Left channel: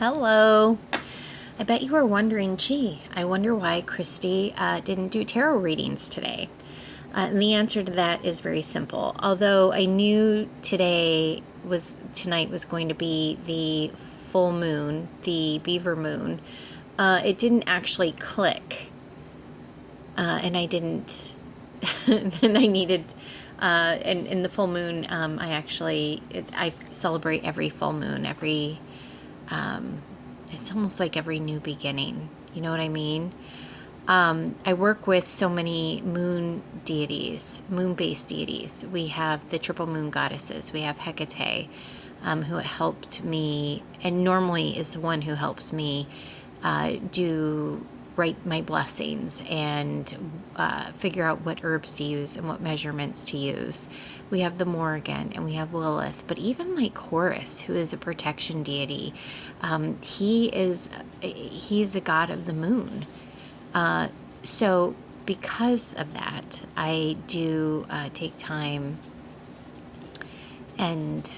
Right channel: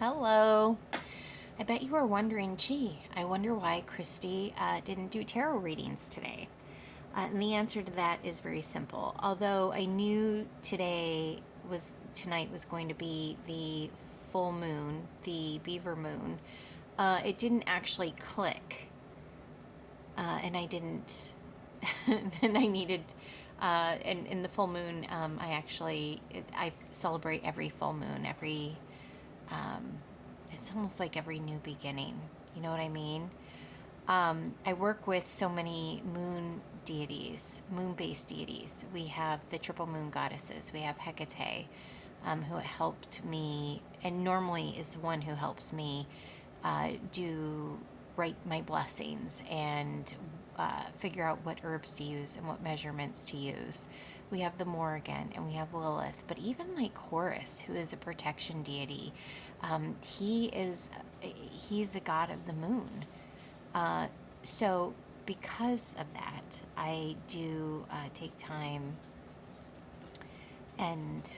Hello. I bet you were wondering, gee, I wonder why Christy didn't do tarot readings today. And the answer to that is very simple. Although I knew tonight was going to be the full moon, the Beaver Moon, it didn't actually click, and I didn't. Then I needed, and in the full moon, I celebrate every full moon, it's almost like every new beginning. You know what I mean? I work with so many moon deities, moon based deities. We have the triple moon goddesses, we have Hecate, who helped me, and normally is the one who helps me do write my blessings and figure out what herbs to use and what measurements to use. We have the Morrigan and we have Lilith, but even like Horus, who is a protection deity, he's a god of the moon. So because of that, I do take time and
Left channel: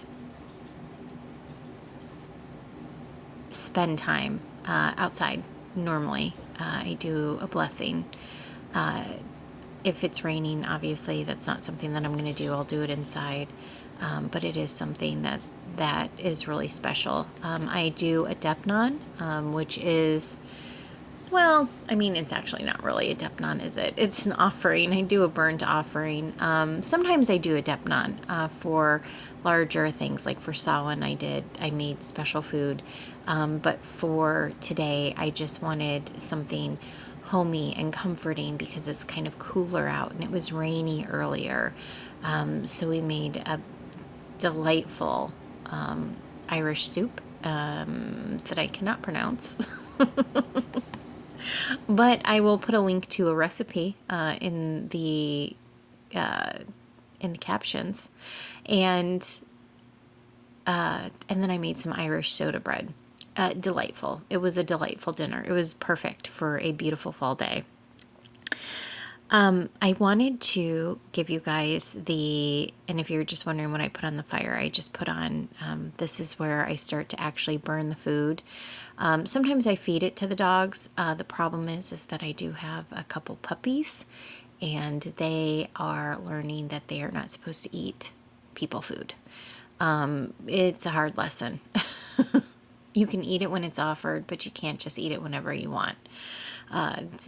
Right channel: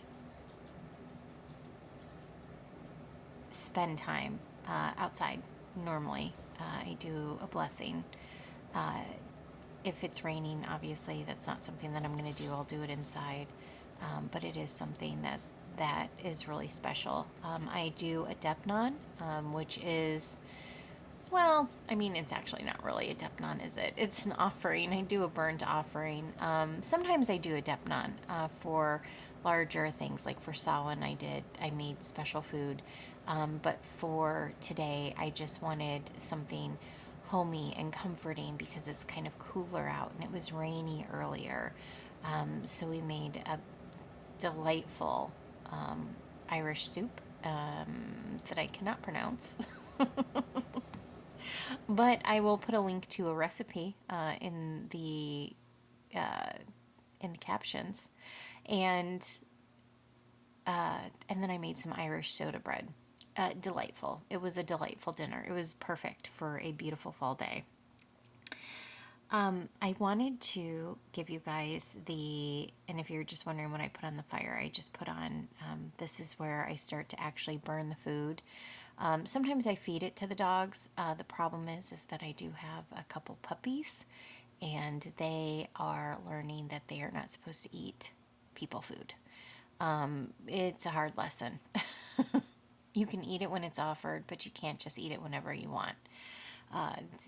spend time outside normally. I do a blessing. Uh, if it's raining, obviously that's not something that I'm going to do. I'll do it inside, but it is something that is really special. I do a Depnon, which is, well, I mean, it's actually not really a Depnon, is it? It's an offering. I do a burnt offering. Sometimes I do a Depnon for larger things, like for Samhain. I made special food. But for today, I just wanted something homey and comforting because it's kind of cooler out and it was rainy earlier. So we made a delightful Irish soup that I cannot pronounce. But I will put a link to a recipe uh, in the captions, and and then I made some Irish soda bread. Delightful. It was a delightful dinner. It was perfect for a beautiful fall day. I wanted to give you guys and if you're just wondering what I put on the fire, I just put on, this is where I start to actually burn the food. Sometimes I feed it to the dogs. The problem is that I do have a couple puppies, and they are learning that they are not supposed to eat people food. It's a hard lesson. You can eat it when it's offered, but you can't just eat it whenever you want.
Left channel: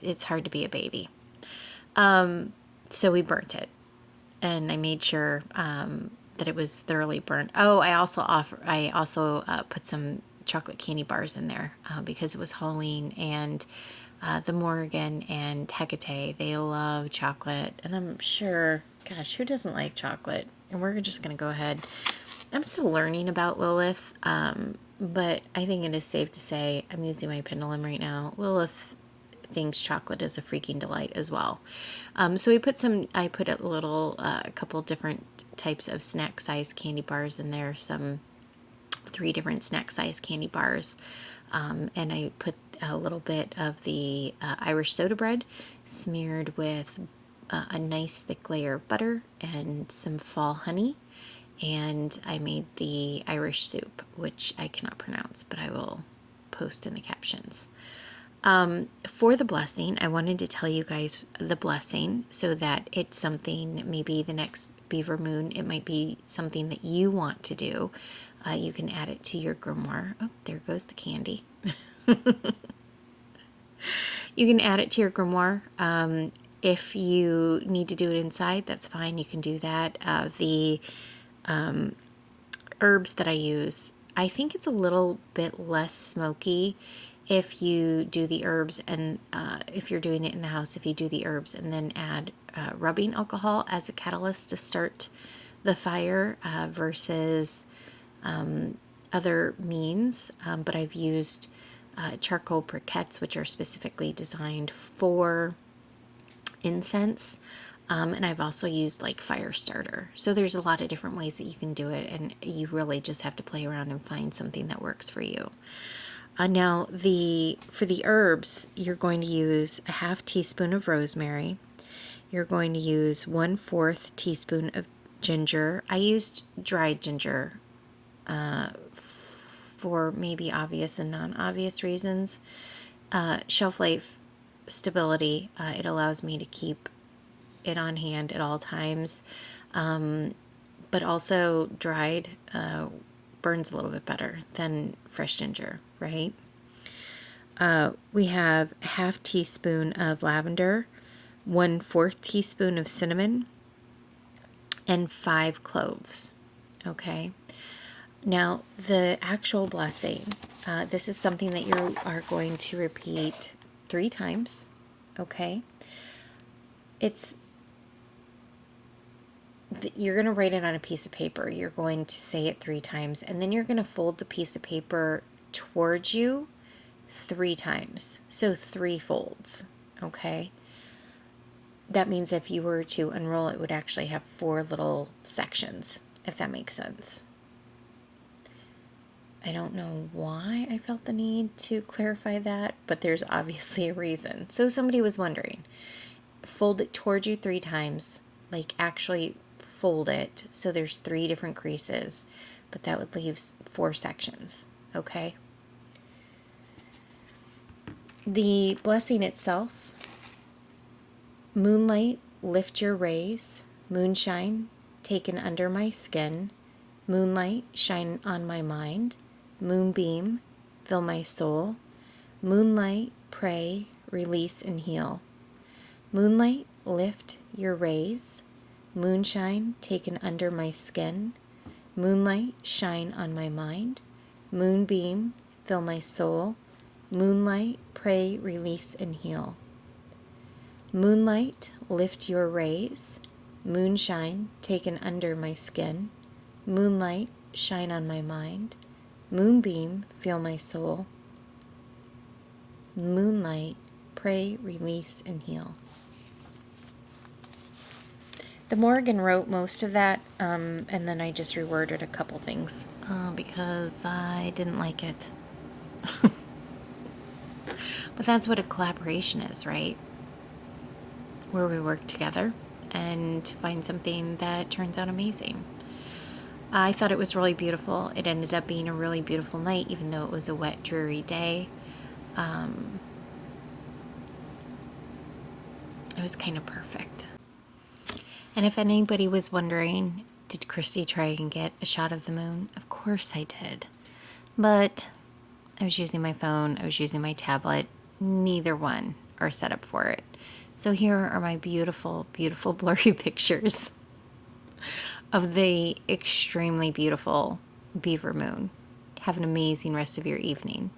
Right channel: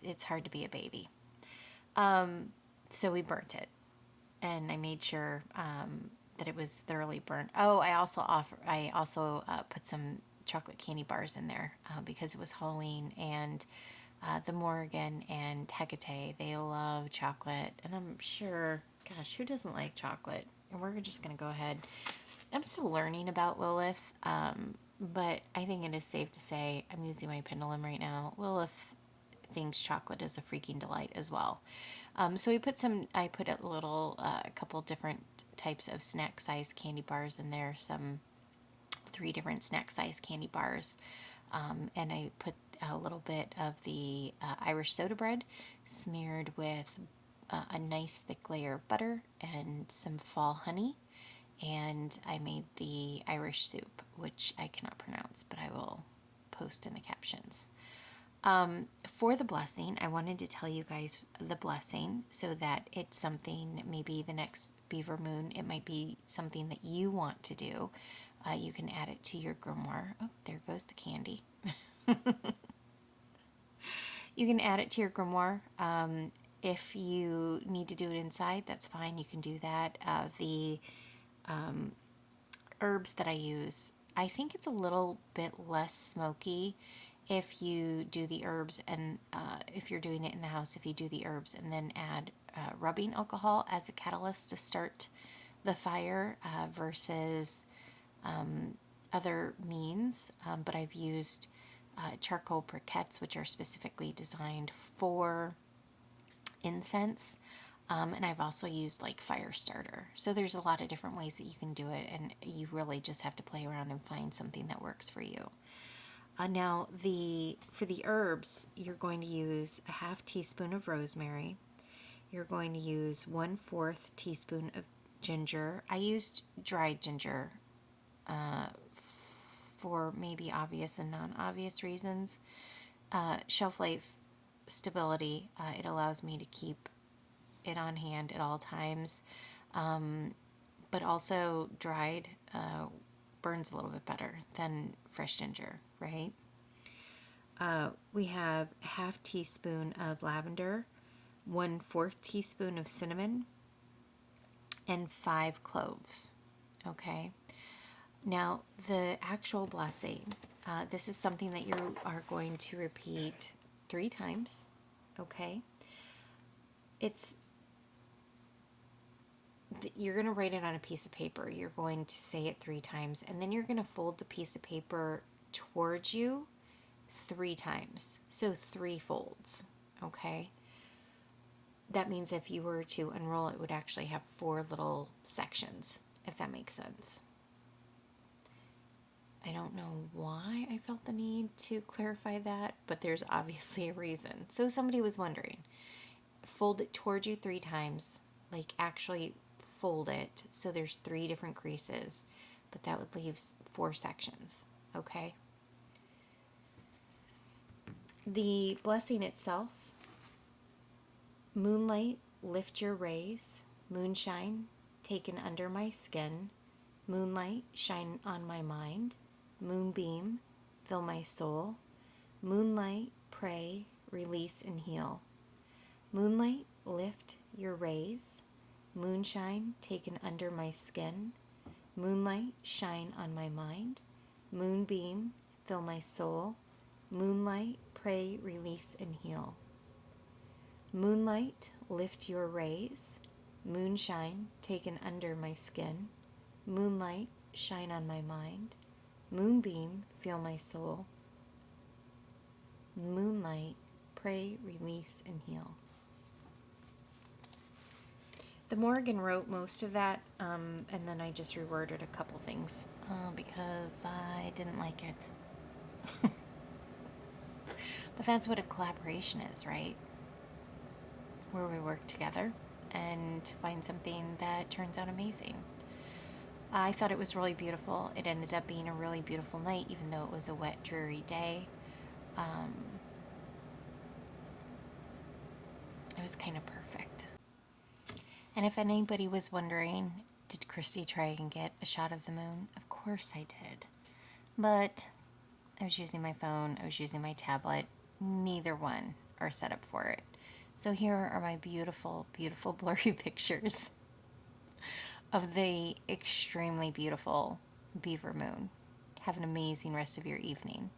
It's hard to be a baby. So we burnt it, and I made sure that it was thoroughly burnt. Oh, I also put some chocolate candy bars in there because it was Halloween, and the Morgan and Hecate, they love chocolate, and I'm sure, gosh, who doesn't like chocolate? And we're just gonna go ahead. I'm still learning about Lilith, but I think it is safe to say I'm using my pendulum right now. Lilith thinks chocolate is a freaking delight as well. So I put a couple different types of snack size candy bars in there, 3 different snack size candy bars. And I put a little bit of the Irish soda bread smeared with a nice thick layer of butter and some fall honey. And I made the Irish soup, which I cannot pronounce, but I will post in the captions. For the blessing, I wanted to tell you guys the blessing so that it's something, maybe the next Beaver Moon, it might be something that you want to do. You can add it to your grimoire. Oh, there goes the candy. You can add it to your grimoire. If you need to do it inside, that's fine. You can do that. The herbs that I use, I think it's a little bit less smoky if you do the herbs, and if you're doing it in the house, if you do the herbs and then add rubbing alcohol as a catalyst to start the fire versus other means. But I've used charcoal briquettes, which are specifically designed for incense. And I've also used like fire starter. So there's a lot of different ways that you can do it, and you really just have to play around and find something that works for you. Now, for the herbs, you're going to use a half teaspoon of rosemary. You're going to use 1/4 teaspoon of ginger. I used dried ginger for maybe obvious and non-obvious reasons. Shelf life stability, it allows me to keep it on hand at all times. But also dried burns a little bit better than fresh ginger, right? We have a half teaspoon of lavender, 1/4 teaspoon of cinnamon, and 5 cloves. Okay. Now, the actual blessing, this is something that you are going to repeat 3 times. Okay. You're going to write it on a piece of paper. You're going to say it 3 times, and then you're going to fold the piece of paper towards you 3 times. So 3 folds. Okay. That means if you were to unroll, it would actually have 4 little sections, if that makes sense. I don't know why I felt the need to clarify that, but there's obviously a reason. So somebody was wondering. Fold it towards you 3 times, like actually fold it so there's 3 different creases, but that would leave 4 sections, okay? The blessing itself: moonlight, lift your rays, moonshine, taken under my skin, moonlight, shine on my mind, moonbeam, fill my soul, moonlight, pray, release and heal. Moonlight, lift your rays, moonshine, taken under my skin, moonlight, shine on my mind, moonbeam, fill my soul, moonlight, pray, release and heal. Moonlight, lift your rays, moonshine, taken under my skin, moonlight, shine on my mind, moonbeam, feel my soul, moonlight, pray, release, and heal. The Morgan wrote most of that, and then I just reworded a couple things because I didn't like it. But that's what a collaboration is, right? Where we work together and find something that turns out amazing. I thought it was really beautiful. It ended up being a really beautiful night, even though it was a wet, dreary day. It was kind of perfect. And if anybody was wondering, did Christy try and get a shot of the moon? Of course I did. But I was using my phone, I was using my tablet. Neither one are set up for it. So here are my beautiful, beautiful blurry pictures of the extremely beautiful Beaver Moon. Have an amazing rest of your evening.